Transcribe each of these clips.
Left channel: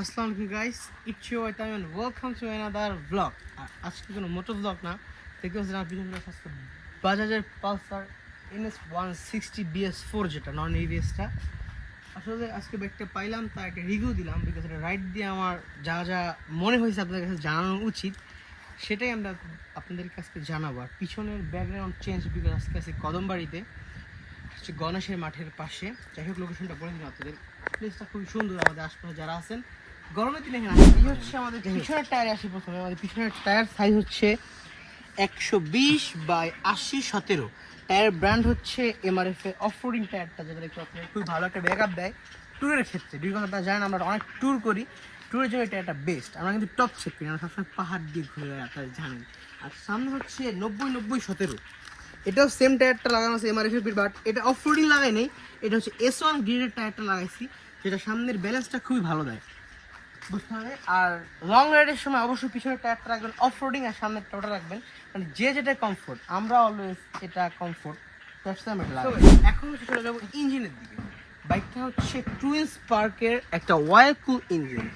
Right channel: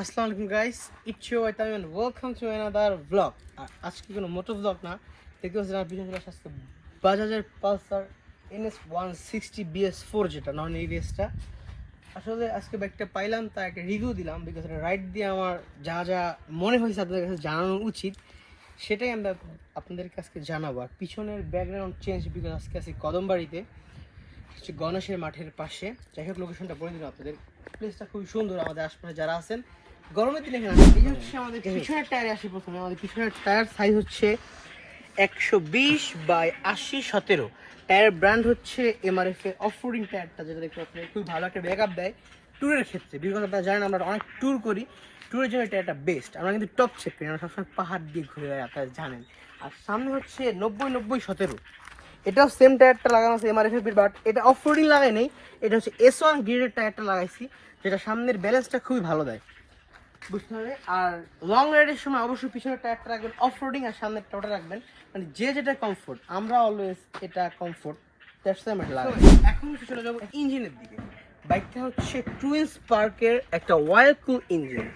আসসালামু আলাইকুম guys, it's ইউ আইতাম and welcome to another blog. আজকে কোনো মোটর ব্লগ না, দেখতে পাচ্ছেন আপনার পিছনে আজকে বাজাজের পালসার NS 160 BS4 যেটা নন এবিএসটা। আসলে আজকে বাইকটা পাইলাম, তা একটা রিভিউ দিলাম, বিকজ এটা রাইড দিয়ে আমার যা যা মনে হয়েছে আপনাদের কাছে জানানো উচিত সেটাই আমরা আপনাদেরকে আজকে জানাবো। আর পিছনের ব্যাকগ্রাউন্ড চেঞ্জ, বিকজ আজকে আছি কদমবাড়িতে, হচ্ছে গণেশের মাঠের পাশে। যাই হোক, লোকেশনটা বলে দিলাম আপনাদের। প্লেসটা খুবই সুন্দর। আমাদের আশপাশে যারা আছেন গরমের দিনে এখানে আসেন। এই হচ্ছে আমাদের পিছনের টায়ারে আসি। প্রথমে আমাদের পিছনের টায়ার সাইজ হচ্ছে 120/80/17। টায়ার ব্র্যান্ড হচ্ছে MRF এর অফ রোডিং টায়ারটা, যেটা দেখতে পাচ্ছেন খুবই ভালো একটা ব্যাকআপ দেয় ট্যুরের ক্ষেত্রে। বিকজ আপনারা জানেন আমরা অনেক ট্যুর করি, ট্যুরের জন্য টায়ারটা বেস্ট। আমরা কিন্তু টপ চেক করি, আমরা সবসময় পাহাড় দিয়ে ঘুরে যাই, আপনারা জানেন। আর সামনে হচ্ছে 90/90/17। এটাও সেম টায়ারটা লাগানো আছে MRF এর, বাট এটা অফ রোডিং লাগাই নেই, এটা হচ্ছে S1 গ্রেডের টায়ারটা লাগাইছি, যেটা সামনের ব্যালেন্সটা খুবই ভালো দেয়, বুঝতে হবে। আর লং রাইডের সময় অবশ্যই পিছনের টায়ারটা রাখবেন অফ রোডিং, আর সামনের টায়ারটা রাখবেন মানে যে যেটা কমফোর্ট। আমরা অলওয়েজ এটা কমফোর্ট, দ্যাটস ওয়াই আমরা লাগাই। এখন হচ্ছে চলে যাবো ইঞ্জিনের দিকে। বাইকটা হচ্ছে টুইন স্পার্কের একটা অয়েল কুল ইঞ্জিন।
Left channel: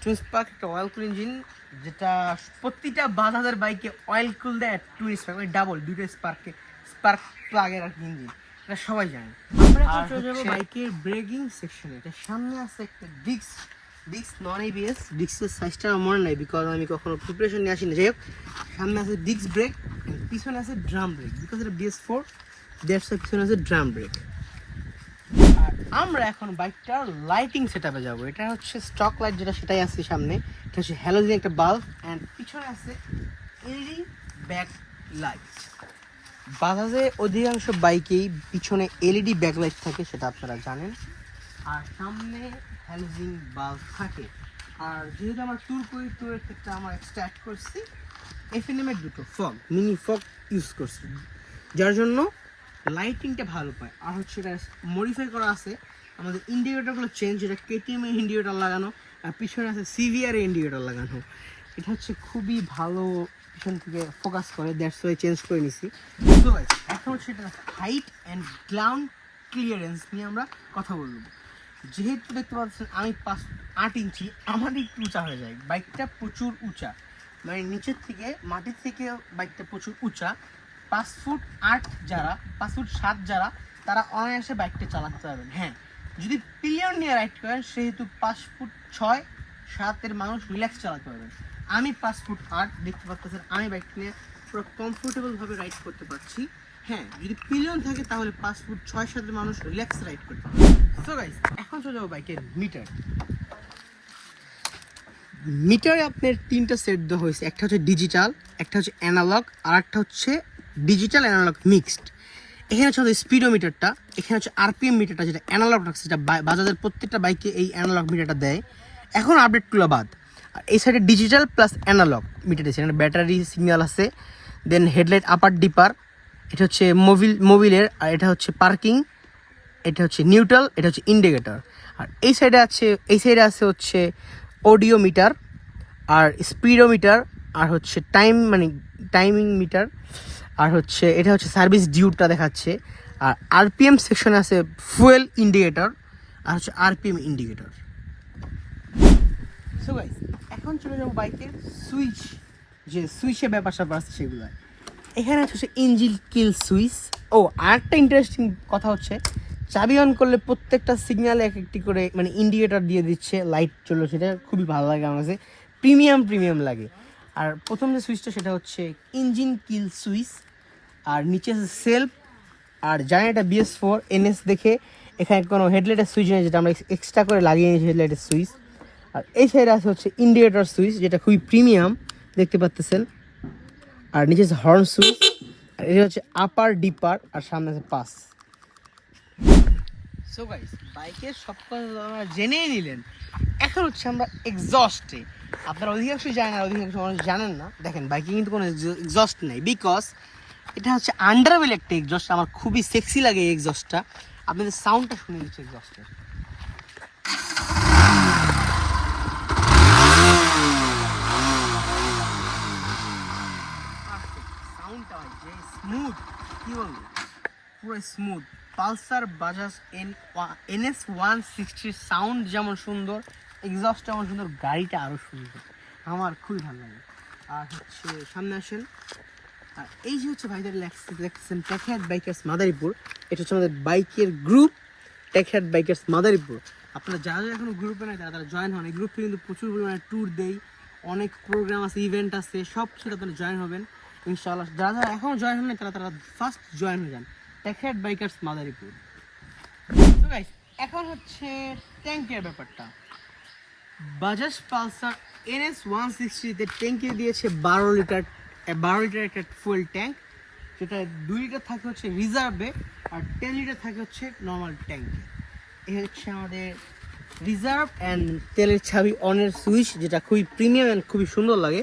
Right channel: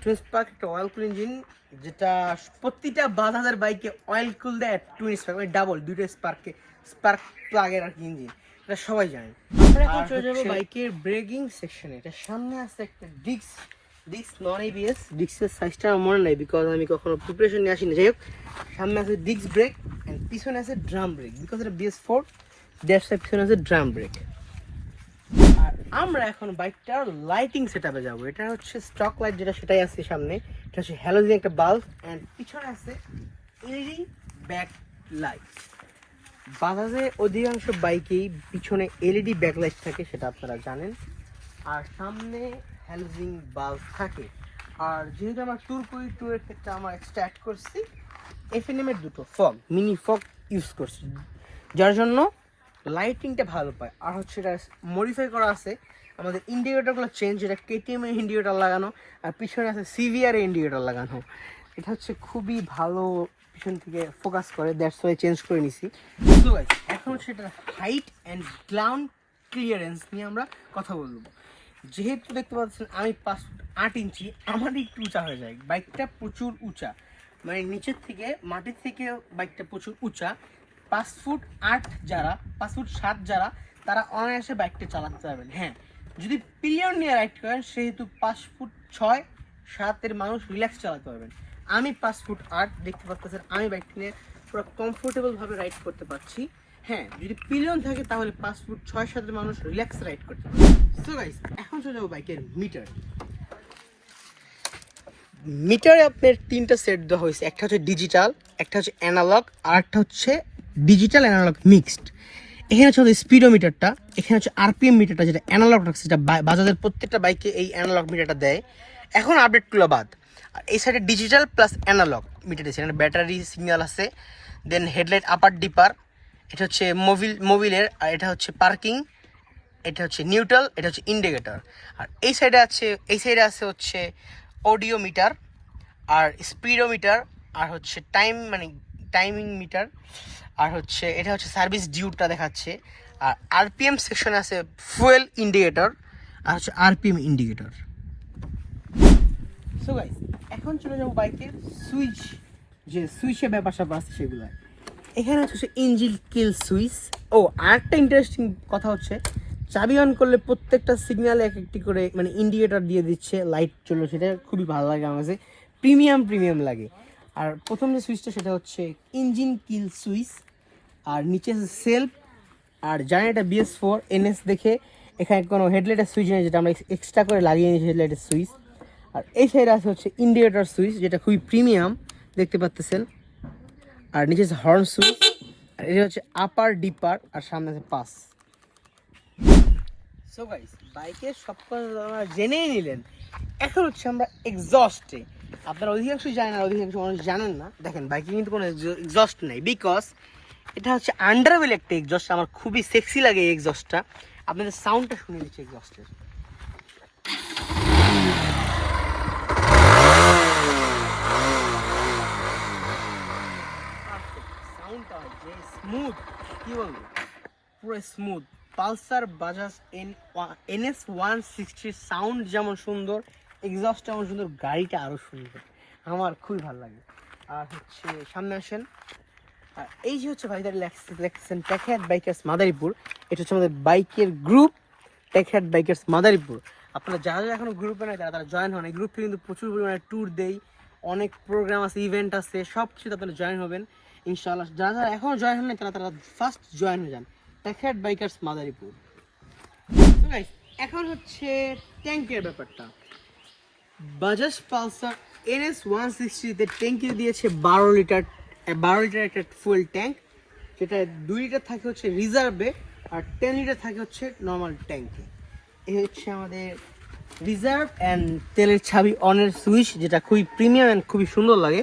টুইন স্পার্ক একটা অয়েল কুল ইঞ্জিন, যেটা প্রতিটা বাজাজের বাইকে অয়েল কুল দেয় টুইন স্পার্ক, মানে ডাবল দুইটা স্পার্ক প্লাগের আর কি ইঞ্জিন, এটা সবাই জানে। আমরা এখন চলে যাবো বাইকের ব্রেকিং সেকশনে। এটা সামনে আছে একটা ডিক্স নন এবিএস। ডিক্সের সাইজটা আমার মনে নাই, বিকজ আমি কখনো প্রিপারেশন নিয়ে আসিনি। যাই হোক, সামনে আছে ডিক্স ব্রেক অ্যান্ড পিছনে আছে ড্রাম ব্রেক, বিকজ এটা BS4, দ্যাটস ওয়াই পিছনে আছে ড্রাম ব্রেক। আর আমরা এখন বাইকটার লাইটিং সেটআপে যাব। এটা হচ্ছে স্টক লাইট যেটা, সেটাই আছে সামনে। এটা হচ্ছে হ্যালোজেন একটা বাল্ব, অ্যান্ড পিছনে আছে এলইডি ব্যাক লাইট। বাজাজে অধিকাংশ বাইকেই পিছনে এলইডি ব্যাকলাইট থাকে, সেটা আপনারা জানেন। আর সামনে হ্যালোজেন বাল্ব থাকে। আর যেহেতু আমার ট্যুর করি, ট্যুরের ক্ষেত্রে আমার স্টার্ট করছি FNM এর দুটো মিনি ফগ ইউজ করছি, যার জন্য লাইটিংটা ভালো পায়। আর হচ্ছে এটা মডিফাই করা আছে, আমাদের ইন্ডিকেটরগুলো চেঞ্জ, যেটা KTM এর ইন্ডিকেটর লাগানো, আর পিছনে আছে CVR এর ইন্ডিকেটর লাগানো। এটা হচ্ছে খুবই ভালো, পিছন থেকে ফোকাস করে, দ্যাটস ওয়াই চেঞ্জ করে নিছি। সো গাইস, এখন হচ্ছে এটার হাইট অ্যান্ড গ্রাউন্ড ক্লিয়ারেন্স নিয়ে আমরা কথা বলবো। যেহেতু দেখতে পাচ্ছেন আমি 5 ফুট 8 ইঞ্চি, আমার একটু উঁচা হয়ে যায়। বাইকটা প্রচুর উঁচা, মানে নিচের থেকে মাটির থেকে বাইকটা প্রচুর উঁচা। 5 ফুট 8 যারা, 5 ফুট 7 যারা, তারা অনায়াসে বাইকটা চালাতে পারবেন। হ্যাঁ, যদি পিলিয়ন নিয়ে রাইড করেন, সেহেতু 5 ফুট 6-7 মানুষ রিল্যাক্স চালাতে পারবেন। আমি 5 ফুট 8 দেখতে পাচ্ছেন, আমি বাইকটা নিয়ে পুরো কমফোর্টেবলভাবে রাইড করতে পারছি। হ্যাঁ, যদি পিলিয়ন থাকে তাহলে 5 ফুট 6-7 মানুষ রিল্যাক্স রাইড করতে পারবে। সো গাইস, এখন চলে যাবো বাইকের মিটারে আপনার 3টা সেট দেওয়া হয়েছে। একটা হচ্ছে ডিজিটাল, একটা হচ্ছে অ্যানালগ, আর একটা হচ্ছে ডিজিটাল অ্যানালগ মিক্সড। এখানে হচ্ছে স্পিডোমিটারটা, এখানে হচ্ছে RPM মিটারটা, যেটা অ্যানালগ রাখছে, যেটা বাজাজের প্রত্যেকটা বাইকে এই অ্যানালগ মিটারটা দেয়, এখন আপডেটগুলো বাদ। আর এই সাইডে ডিজিটাল প্লাস অ্যানালগ মিটার দিচ্ছে। এখানে ব্যাটারি সিগন্যাল আছে, দেন হেডলাইট আপার ডিপার, এটা হচ্ছে মোবিলের, আর এটা হচ্ছে পার্কিং, এটা হচ্ছে নিউট্রাল, এটা হচ্ছে ইন্ডিকেটর। আর এই সাইডে আছে হচ্ছে অডিও মিটার, আর স্পিডোমিটার, আর হচ্ছে টাইমিং মিটার, আর হচ্ছে এটা হচ্ছে সার্ভিস ডিউটা দেখাচ্ছে। আর RPM সেকশনে আছে ফুয়েল ইন্ডিকেটর, আর হচ্ছে RPM ইন্ডিকেটর। সো গাইস, এখন চলে যাবো বাইকের সুইচের ব্যাপার স্যাপার আছে সেগুলো। এখানে হচ্ছে ইঞ্জিন কিল সুইচ। ও, আরেকটা ইন্টারেস্টিং কথা হচ্ছে, চাবি অন করলে প্রত্যেকটা সিগন্যালে এক একটি করে মানে ইন্ডিকেটর দিয়ে দিচ্ছে, লাইট চললো, সেটা খুবই ভালো লাগে আমার কাছে, প্রিমিয়াম লাগে। আর প্রথম যে সুইচটা সেটা হচ্ছে ইঞ্জিন কিল সুইচ, আর নিচে আছে সেলফ। আর জানি এটা BS4 NS দেখে এখানে কোনো হেডলাইটের সুইচ নেই, যেটা আমরা এক্সট্রা করে লাগিয়ে নিয়েছি হেডলাইটের সুইচ। আর এই সাইডে আছে হচ্ছে ইন্ডিকেটর সুইচ, যেটা খুবই প্রিমিয়াম দেখতে পাচ্ছেন। আর নিচে আছে হর্ন সুইচ, আর এটা হচ্ছে আপার ডিপার, আর সামনে আছে পাস। সো গাইস, বাইকের সব কথা আপনারা জেনেই নিলেন। এখন হচ্ছে আমরা এক্সস্টে। আপনারা অধিকাংশই জানেন, আর অধিকাংশ মানুষ জানেন না। দেখেন, বাইকে কিন্তু কোনো এক্সস্ট নেই, বিকজ এটা হচ্ছে আন্ডারওয়েল একটা এক্সস্ট। আমার খুবই সেক্সি লাগে এই এক্সস্টটা। আপনাদের সাউন্ডটা শুনিয়ে দিচ্ছে এক্সস্টের। সাউন্ডটা যে স্মুথ, কি বলবো, পুরো smooth. Pulsar Bajaj NS 160 sound যেমন সুন্দর, এক্সস্ট যেমন সুন্দর, গাড়িটা আরও সুন্দর, আমার খুবই ভালো লাগে। আর হচ্ছে সামনে আসেন, আর এই যে হচ্ছে ভাইদের লেখছেন টেকহ্যাড বাইকার্স মাদারীপুর, এটা হচ্ছে আমাদের বাইকের গ্রুপ টেকহ্যাড বাইকার্স মাদারীপুর। আপনারা যারা এখনো গ্রুপে নাই তারা জয়েন হন, এই গ্রুপ থেকে কিন্তু প্রচুর পরিমাণে ট্যুর দেই, অনেক প্রোগ্রাম আছে, ইভেন্ট আছে, সব কিছুতে আপনারা জয়েন হবেন ইনশাআল্লাহ। যারা যারা এখনও জয়েন হন নাই তারা ফার্স্ট জয়েন হয়ে যান টেকহ্যাড বাইকার্স মাদারীপুর। তো গাইস এখন হচ্ছে ট্যাঙ্কের ব্যাপারটা। বাজাজ পালসার NS 160-তে ট্যাঙ্কি দিয়েছে 12 লিটার একটা ফুয়েল ট্যাঙ্ক, যেটা 2 লিটার থাকে হচ্ছে রিজার্ভে আর 10 লিটার থাকে হচ্ছে নর্মাল ট্যাঙ্কে। এই হচ্ছে আমাদের রিজার্ভ অ্যান্ড তেলের ছাবি অনের সুইচ, যেটা খুবই প্রিমিয়াম অ্যান্ড খুবই সুন্দর লাগে।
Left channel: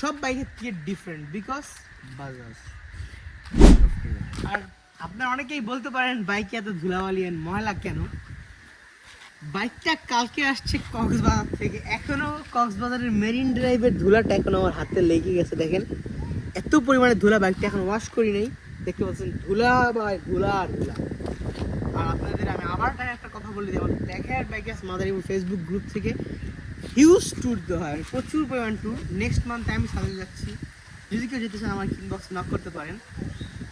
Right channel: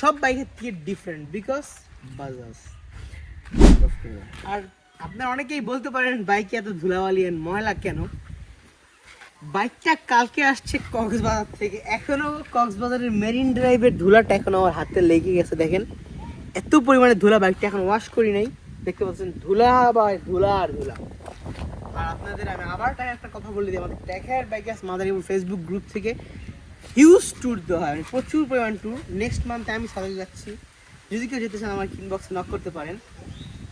সব বাইকের থেকে ডিফারেন্ট বিকজ বাজাজ। আর আপনারা অনেকেই বলতে পারেন বাইকে এত ধুলাবালি অ্যান্ড ময়লা কেন। বাইকটা কালকে আসছে কক্সবাজার থেকে, এখনো কক্সবাজারের মেরিন ড্রাইভের ধুলাটা এখন আমার হাতে লেগে গেছে। দেখেন এত পরিমাণে ধুলা, বাইকটা এখন ওয়াশ করি নাই, দেখতে পাচ্ছেন ধুলা বা ধুলা আর ধুলা। আর আপনাদের আমি আবার একটা কথা বলে দিই, আমাদের টেকহ্যাড বাইকার্স মাদারীপুর ফেসবুক গ্রুপ থেকে হিউজ ট্যুর দেওয়া হয়, প্রচুর পরিমাণ ট্যুর। নেক্সট মান্থে আমি সাথে যাচ্ছি, যদি কেউ যেতে চান আমার ইনবক্স নক করতে পারেন।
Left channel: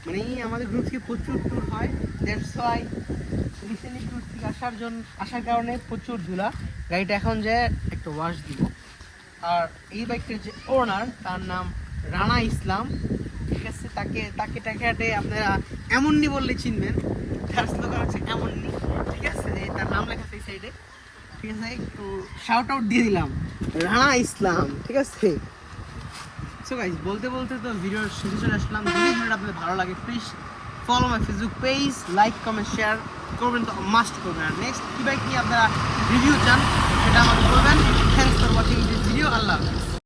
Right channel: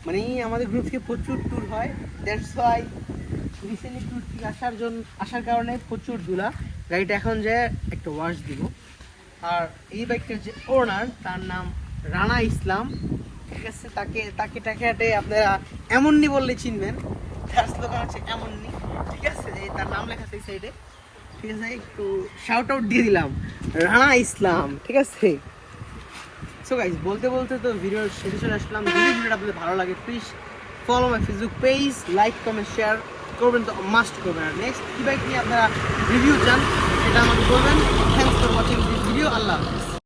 মানে আমাদের গ্রুপ থেকে প্রচুর ট্যুর হয়, দ্যাটস ওয়াই রিসেন্টলি ট্যুর থেকে আসার কারণে প্রচুর ধুলা। গাড়িটা এখন যায় একটা ওয়াশ দিব। আর এই বাইকটার যে ওনার তার নাম রানা ইসলাম, ঠিক আছে, তাকে টাকাটে আপনারা এমননি বললে চিনবেন, তার স্লোগান হচ্ছে এমননি, ঠিক আছে, তার নাম লেখা আছে এই সাইডে, ঠিক আছে, একটু শাউট আউট দিয়ে দিলাম রানা ইসলাম, ঠিক আছে। সো গাইস বলতে বলতে তো ভিডিওর শেষে চলে আসলাম। যদি ভিডিওটা আপনাদের ভালো লাগে please follow my Facebook page, like comment share করবেন, তো মাস্ট করবেন। আর নেক্সট কী বাইক নিয়ে আপনারা রিভিউ চান সেটা আমাকে বলবেন। Thanks for watching this video. আল্লাহ হাফেজ।